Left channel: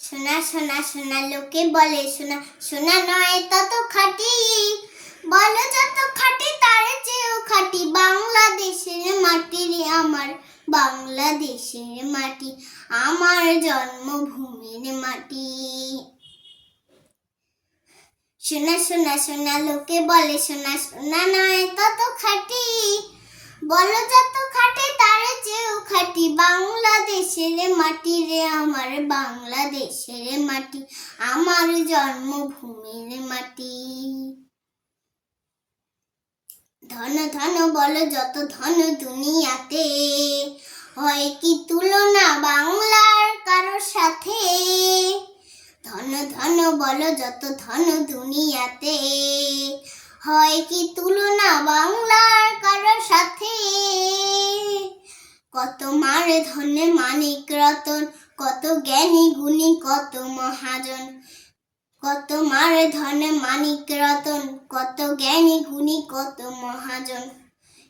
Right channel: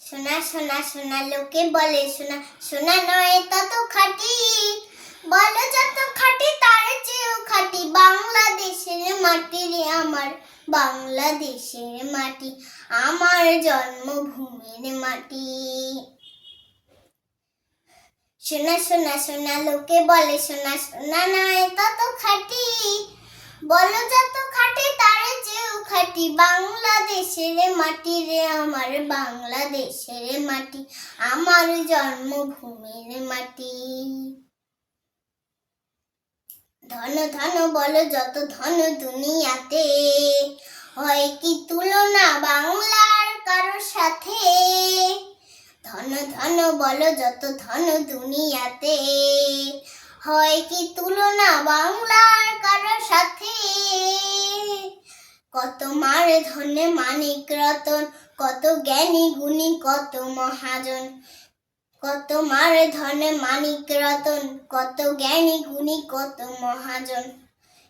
সোনা সোনা সোনা লোকে বলে সোনা সোনা নয় তত খাঁটি, বলো যত খাঁটি তার চেয়েও খাঁটি বাংলাদেশের মাটি রে আমার, বাংলাদেশের মাটি আমার জন্মভূমির মাটি। সোনা সোনা সোনা লোকে বলে সোনা সোনা নয় তত খাঁটি, বলো যত খাঁটি তার চেয়েও খাঁটি বাংলাদেশের মাটি রে আমার, বাংলাদেশের মাটি আমার জন্মভূমির মাটি। ধন ধন বলো যত ধন দুনিয়াতে, হয় কি তুলনা বাংলার কারোর সাথে। ধন ধন বলো যত ধন দুনিয়াতে, হয় কি তুলনা বাংলার কারোর সাথে। কত মার ধনে মানিক রতন, কত জ্ঞানী গুণী কত মহাজন। কত মার ধনে মানিক রতন, কত জ্ঞানী গুণী কত মহাজন।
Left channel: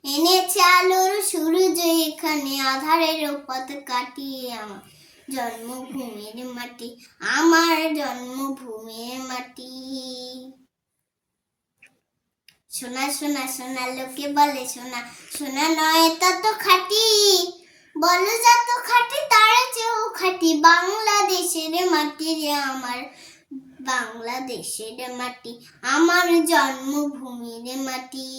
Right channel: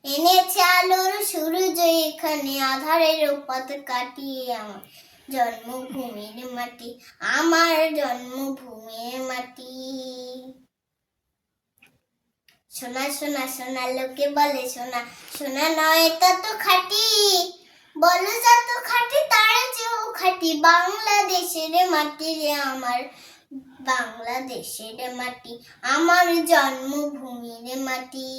এনেছে আলোর সূর্য এখানে, আঁধারের পথ কাটিয়ে আমার জন্মভূমির মাটি, আমার জন্মভূমির মাটি। সোনা সোনা সোনা লোকে বলে সোনা সোনা নয় তত খাঁটি, বলো যত খাঁটি তার চেয়েও খাঁটি বাংলাদেশের মাটি রে আমার, বাংলাদেশের মাটি আমার জন্মভূমির মাটি।